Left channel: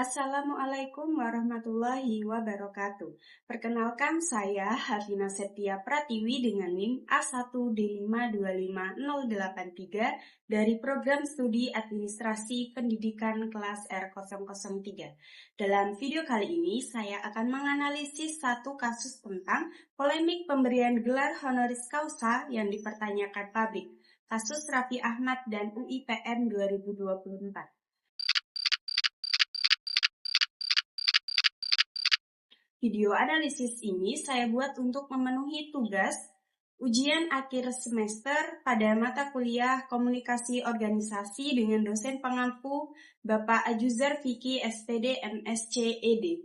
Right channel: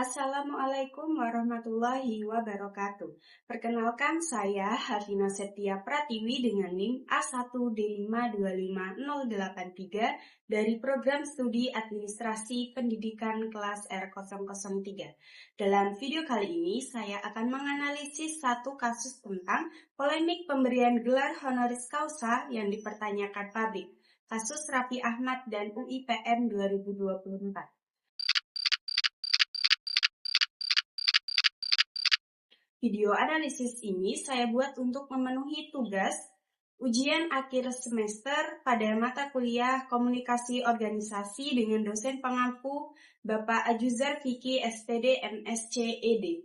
Assalamualaikum warahmatullahi wabarakatuh. Perkenalkan, saya Hafina Setia Pratiwi dengan NIM A1D525083 dari Program Studi Administrasi Pendidikan kelas R003. Dalam video kali ini, saya akan menganalisis satu kasus tentang polemik pemberian gelar honoris causa yang dipertanyakan publik. Kasus Raffi Ahmad dan UIPM 2024. Video analisis ini saya buat untuk memenuhi tugas ujian akhir semester pada mata kuliah Komunikasi Organisasi dengan dosen pengampu Bapak Ajuzar Fikri SPD MSc ED.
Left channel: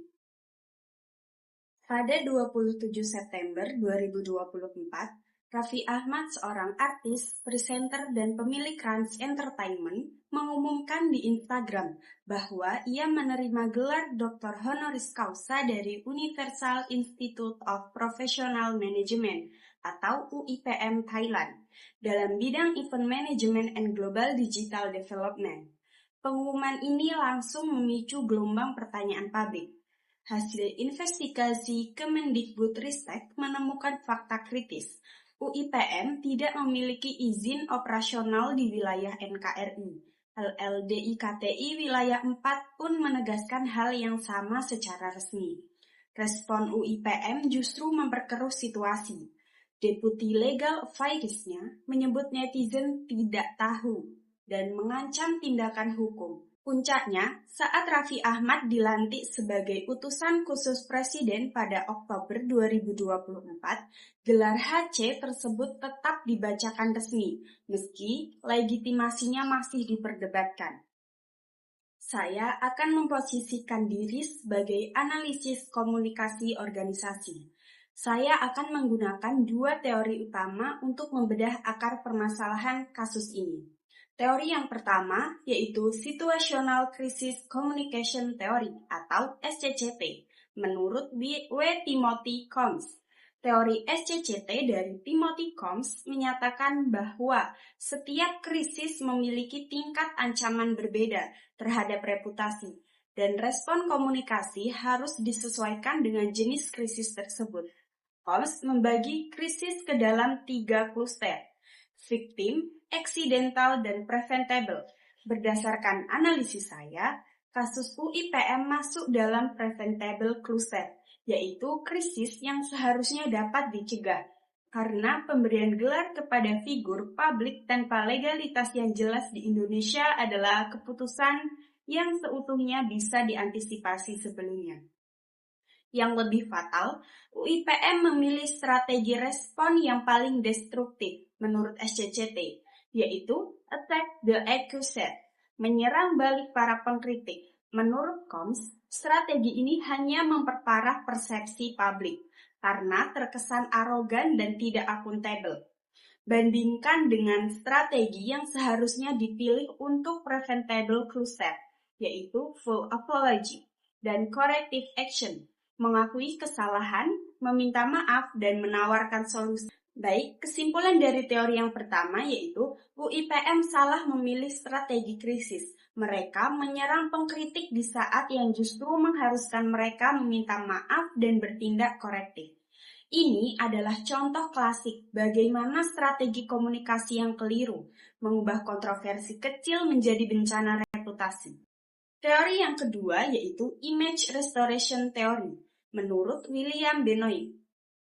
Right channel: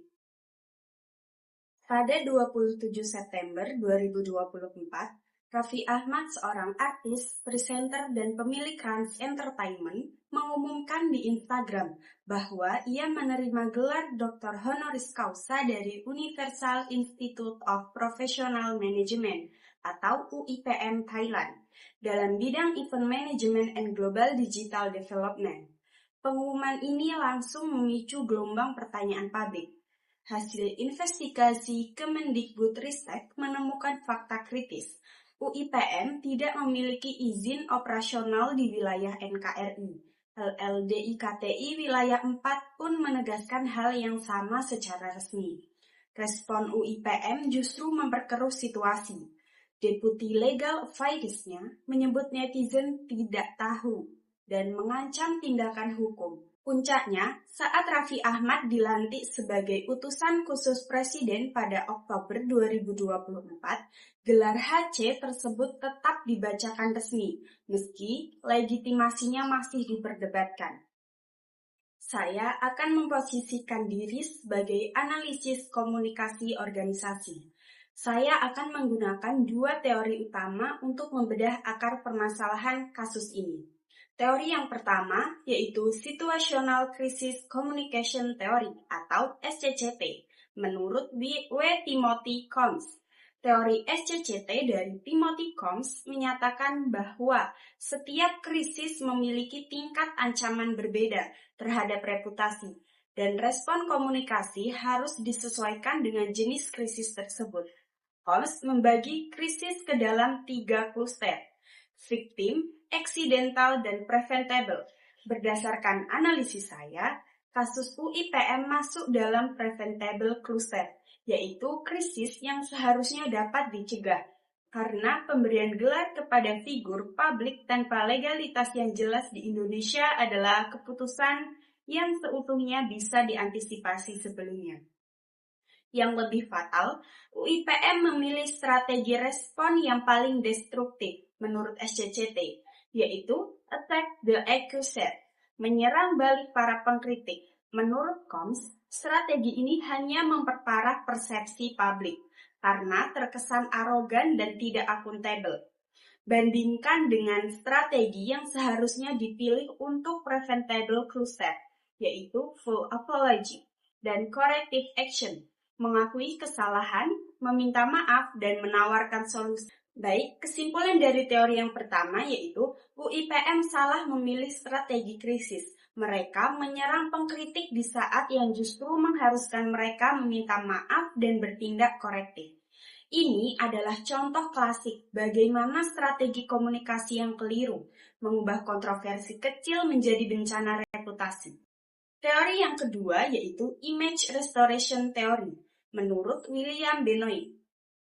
Pada 27 September 2024, Raffi Ahmad, seorang artis, presenter, dan pemilik Rans Entertainment, mengumumkan di Instagram bahwa ia menerima gelar Dr. Honoris Causa dari Universal Institute of Professional Management atau UIPM Thailand dalam bidang Event Management and Global Digital Development. Pengumuman ini langsung memicu gelombang pertanyaan publik. Hasil investigasi Kemendikbudristek menemukan fakta kritis. UIPM tidak memiliki izin operasional di wilayah NKRI. LLDIKTI wilayah 4 pun menegaskan hal yang sama secara resmi. Respon UIPM justru memperkeruh situasi. Deputi Legal Affairs-nya menyebut netizen tidak tahu dan mengancam tindakan hukum. Puncaknya, saat Raffi Ahmad dilantik sebagai utusan khusus Presiden pada Oktober 2024, gelar HC tersebut tetap dibacakan resmi, meski legitimasinya masih diperdebatkan. Saya akan memposisikan diri sebagai analisis komunikasi organisasi. Saya akan menggunakan dua teori utama untuk membedah akar permasalahan kasus ini. Teori yang pertama yaitu Situational Crisis Communication Theory atau SCCT menurut W. Timothy Combs. Teori SCCT dari Timothy Combs menyatakan bahwa setiap krisis memiliki tingkat ancaman berbeda terhadap reputasi dan respon komunikasi harus disesuaikan dengan jenis krisis tersebut. Combs membagi krisis ke dalam 3 kluster: victim, accidental, dan preventable. Berdasarkan analisis saya, kasus UIPM masuk dalam preventable cluster, yaitu krisis yang seharusnya dapat dicegah, karena pemberian gelar kepada figur publik tanpa legalitas yang jelas di Indonesia adalah keputusan yang seutuhnya bisa diantisipasi sebelumnya. Yang lebih fatal, UIPM memilih strategi respon yang paling destruktif menurut SCCT, yaitu attack the accuser, menyerang balik para pengkritik. Menurut Combs, strategi ini hanya memperparah persepsi publik karena terkesan arogan dan tidak akuntabel. Bandingkan dengan strategi yang seharusnya dipilih untuk preventable cluster, yaitu full apology dan corrective action, mengakui kesalahan, meminta maaf, dan menawarkan solusi. Baik, kesimpulan dari teori yang pertama yaitu UIPM salah memilih strategi krisis. Mereka menyerang pengkritik di saat yang justru mengharuskan mereka meminta maaf dan bertindak korektif. Ini adalah contoh klasik bagaimana strategi komunikasi yang keliru mengubah kontroversi kecil menjadi bencana reputasi. Teori yang kedua yaitu Image Restoration Theory menurut William Benoit.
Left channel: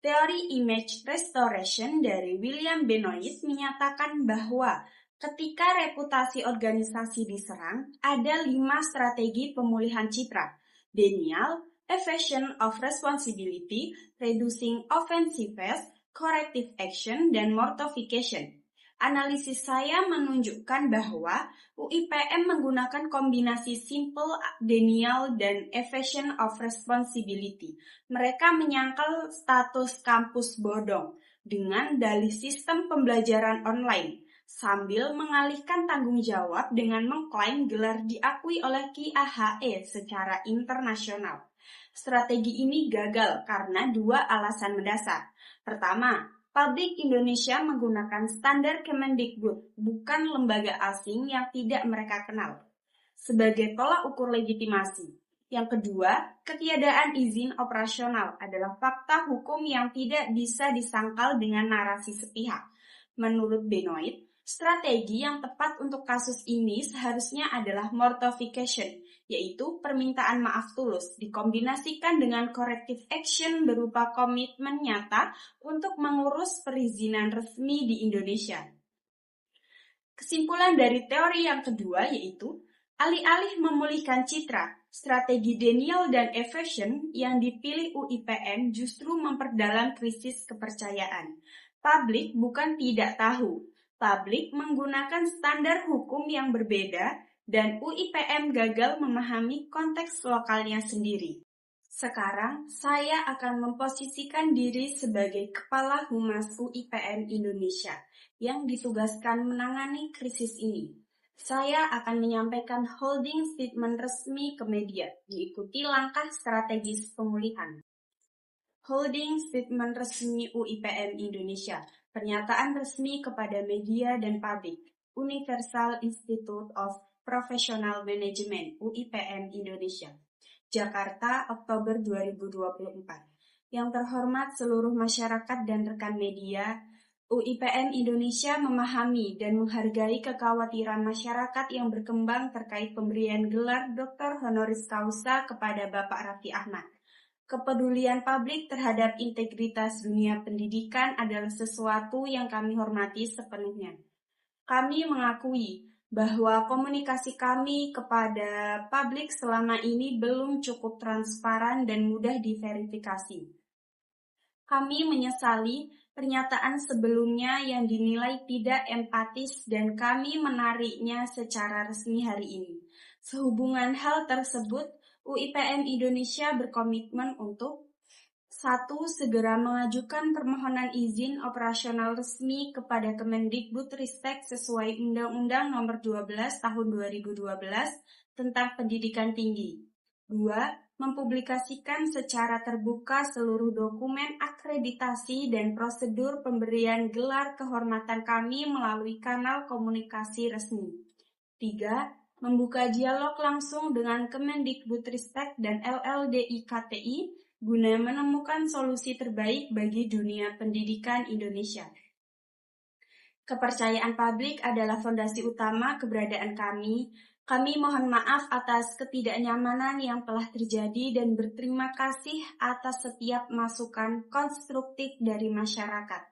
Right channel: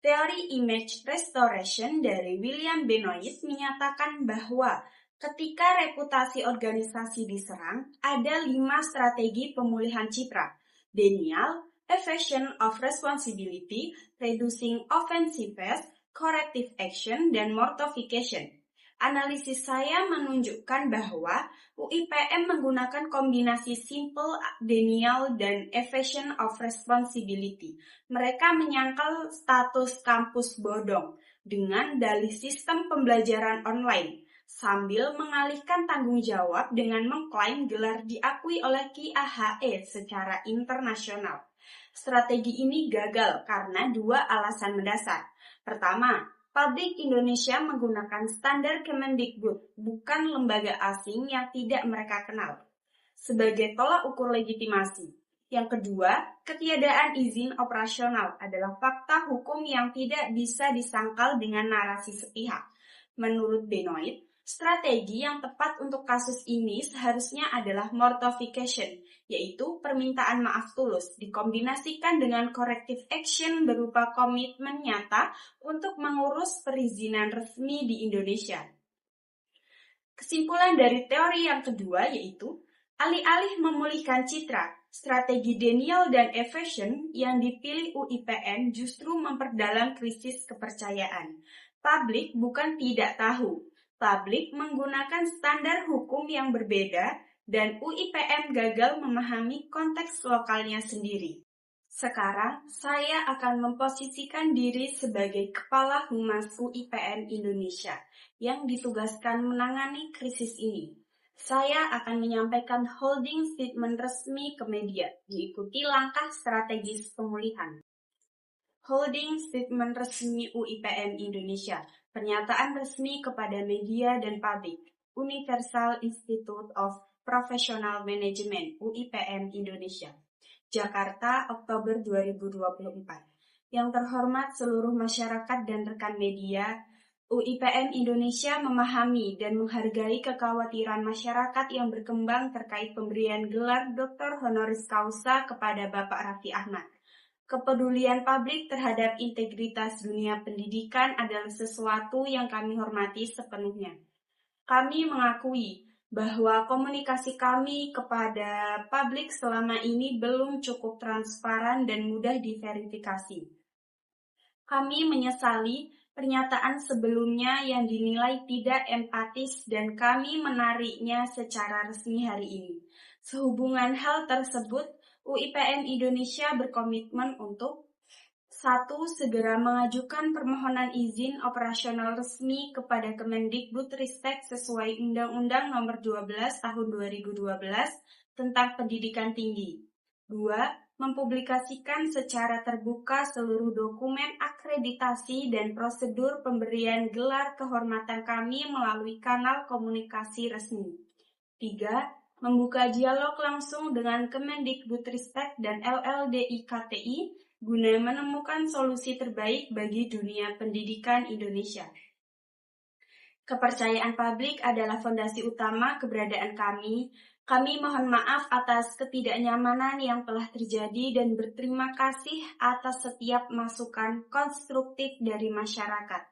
Teori Image Restoration dari William Benoit menyatakan bahwa ketika reputasi organisasi diserang, ada 5 strategi pemulihan citra: denial, evasion of responsibility, reducing offensiveness, corrective action, dan mortification. Analisis saya menunjukkan bahwa UIPM menggunakan kombinasi simple denial dan evasion of responsibility. Mereka menyangkal status kampus bodong dengan dalih sistem pembelajaran online. sambil mengalihkan tanggung jawab dengan mengklaim gelar diakui oleh QAHE secara internasional. Strategi ini gagal karena dua alasan mendasar. Pertama, pabrik Indonesia menggunakan standar Kemendikbud, bukan lembaga asing yang tidak mereka kenal, sebagai tolak ukur legitimasi. Yang kedua, ketiadaan izin operasional adalah fakta hukum yang tidak bisa disangkal dengan narasi sepihak. Menurut Benoit, strategi yang tepat untuk kasus ini seharusnya adalah mortification, yaitu permintaan maaf tulus dikombinasikan dengan corrective action berupa komitmen nyata untuk mengurus perizinan resmi di Indonesia. Kesimpulan dari teori yang kedua yaitu, alih-alih memulihkan citra, strategi denial dan evasion yang dipilih UIPN justru memperdalam krisis kepercayaan. Publik bukan tidak tahu, publik menggunakan standar hukum yang berbeda dan UIPN gagal memahami konteks lokalnya sendiri. Sekarang, saya akan memposisikan diri sebagai Kepala Humas UIPN Indonesia yang ditugaskan menangani krisis ini. Saya akan menyampaikan holding statement resmi ke media, diikuti langkah strategis pemulihan. Holding statement resmi UIPN Indonesia, pernyataan resmi kepada media dan publik, Universal Institute of Professional Management UIPN Indonesia, Jakarta, Oktober 2024. Yang terhormat seluruh masyarakat dan rekan media, UIPN Indonesia memahami dan menghargai kekhawatiran masyarakat yang berkembang terkait pemberian gelar Dr. Honoris Causa kepada Bapak Raffi Ahmad. Kepedulian publik terhadap integritas dunia pendidikan adalah sesuatu yang kami hormati sepenuhnya. Kami mengakui bahwa komunikasi kami kepada publik selama ini belum cukup transparan dan mudah diverifikasi. Kami menyesali pernyataan sebelumnya yang dinilai tidak empatis dan kami menariknya secara resmi hari ini. Sehubungan hal tersebut, UIPN Indonesia berkomitmen untuk 1. Segera mengajukan permohonan izin operasional resmi kepada Kemendikbudristek sesuai Undang-Undang Nomor 12 Tahun 2012 tentang Pendidikan Tinggi. 2. Mempublikasikan secara terbuka seluruh dokumen akreditasi dan prosedur pemberian gelar kehormatan kami melalui kanal komunikasi resmi. 3. Membuka dialog langsung dengan Kemendikbudristek dan LLDI KTI guna menemukan solusi terbaik bagi dunia pendidikan Indonesia. Kepercayaan publik adalah fondasi utama keberadaan kami. Kami mohon maaf atas ketidaknyamanan yang telah terjadi dan berterima kasih atas setiap masukan konstruktif dari masyarakat.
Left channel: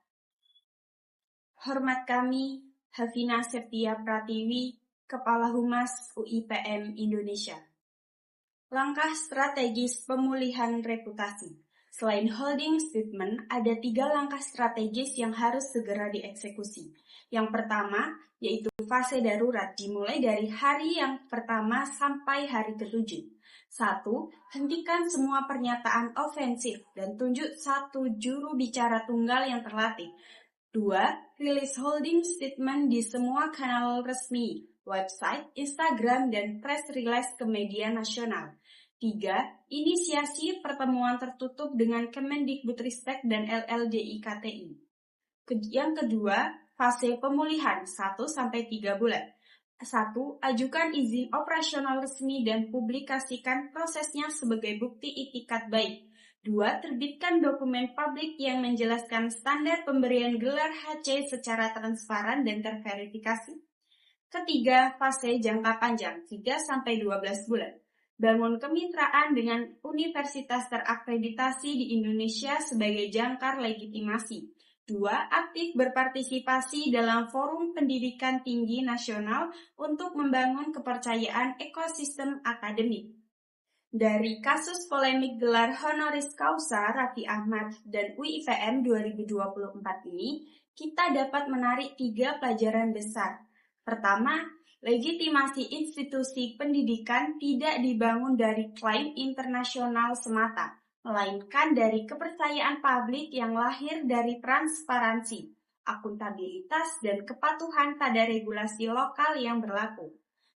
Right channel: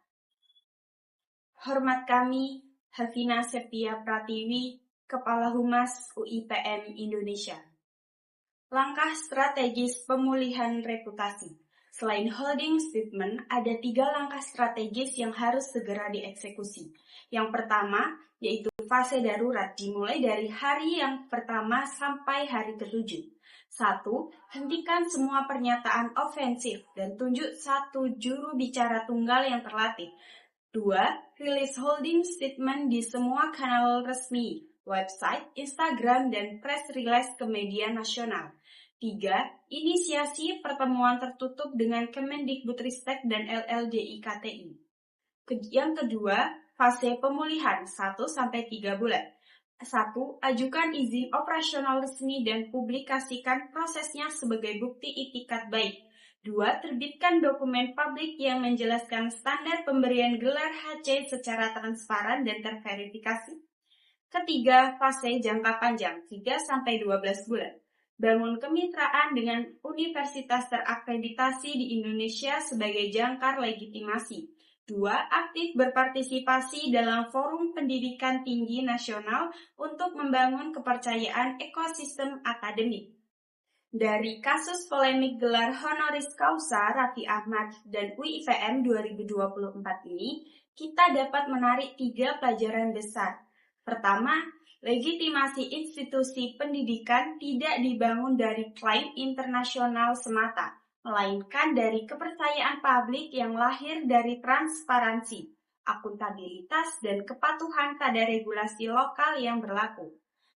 Hormat kami, Hafina Septia Pratiwi, Kepala Humas UIPN Indonesia. Langkah strategis pemulihan reputasi. Selain holding statement, ada 3 langkah strategis yang harus segera dieksekusi. Yang pertama, yaitu fase darurat dimulai dari hari yang pertama sampai hari ke-7. 1. Hentikan semua pernyataan ofensif dan tunjuk 1 juru bicara tunggal yang terlatih. 2. Rilis holding statement di semua kanal resmi, website, Instagram, dan press release ke media nasional. 3. Inisiasi pertemuan tertutup dengan Kemendikbudristek dan LLDI KTI. Yang kedua, fase pemulihan 1-3 bulan. 1. Ajukan izin operasional resmi dan publikasikan prosesnya sebagai bukti itikat baik. 2. Terbitkan dokumen publik yang menjelaskan standar pemberian gelar HC secara transparan dan terverifikasi. Ketiga, fase jangka panjang 3-12 bulan. Bangun kemitraan dengan universitas terakreditasi di Indonesia sebagai jangkar legitimasi. 2. Aktif berpartisipasi dalam forum pendidikan tinggi nasional untuk membangun kepercayaan ekosistem akademik. Dari kasus polemik gelar honoris causa Raffi Ahmad dan UIPN 2024 ini, kita dapat menarik 3 pelajaran besar. Pertama, legitimasi institusi pendidikan tidak dibangun dari klaim internasional semata, melainkan dari kepercayaan publik yang lahir dari transparansi, akuntabilitas, dan kepatuhan pada regulasi lokal yang berlaku.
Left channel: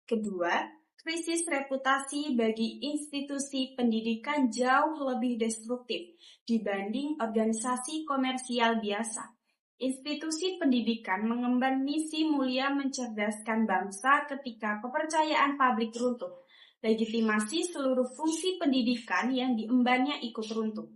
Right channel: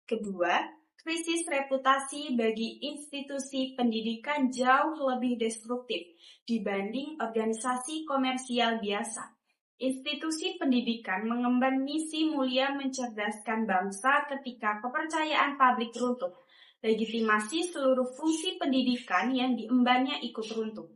Kedua, krisis reputasi bagi institusi pendidikan jauh lebih destruktif dibanding organisasi komersial biasa. Institusi pendidikan mengemban misi mulia mencerdaskan bangsa ketika kepercayaan publik runtuh. Legitimasi seluruh fungsi pendidikan yang diembannya ikut runtuh.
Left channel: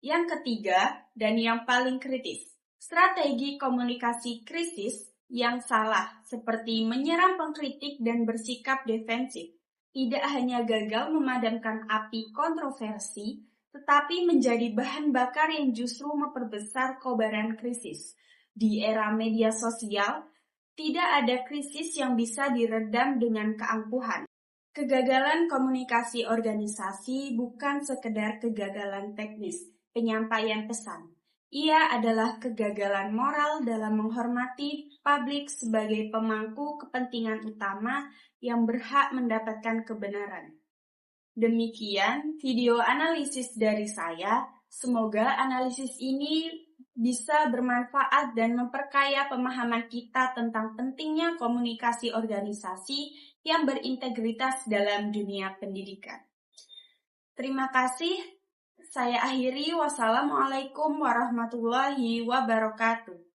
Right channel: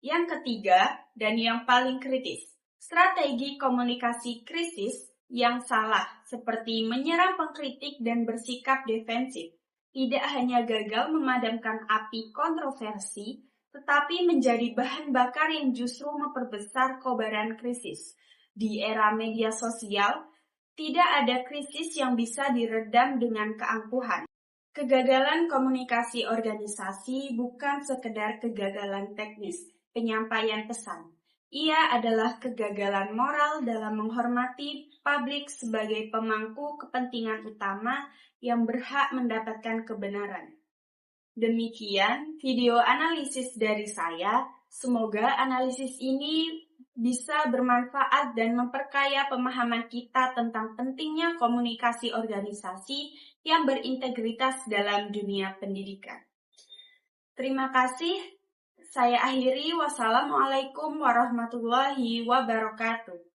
Yang ketiga, dan yang paling kritis, strategi komunikasi krisis yang salah, seperti menyerang pengkritik dan bersikap defensif, tidak hanya gagal memadamkan api kontroversi, tetapi menjadi bahan bakar yang justru memperbesar kobaran krisis. Di era media sosial, tidak ada krisis yang bisa diredam dengan keangkuhan. Kegagalan komunikasi organisasi bukan sekedar kegagalan teknis, penyampaian pesan. Ia adalah kegagalan moral dalam menghormati publik sebagai pemangku kepentingan utama yang berhak mendapatkan kebenaran. Demikian video analisis dari saya. Semoga analisis ini bisa bermanfaat dan memperkaya pemahaman kita tentang pentingnya komunikasi organisasi yang berintegritas dalam dunia pendidikan. Terima kasih. Saya akhiri. Wassalamualaikum warahmatullahi wabarakatuh.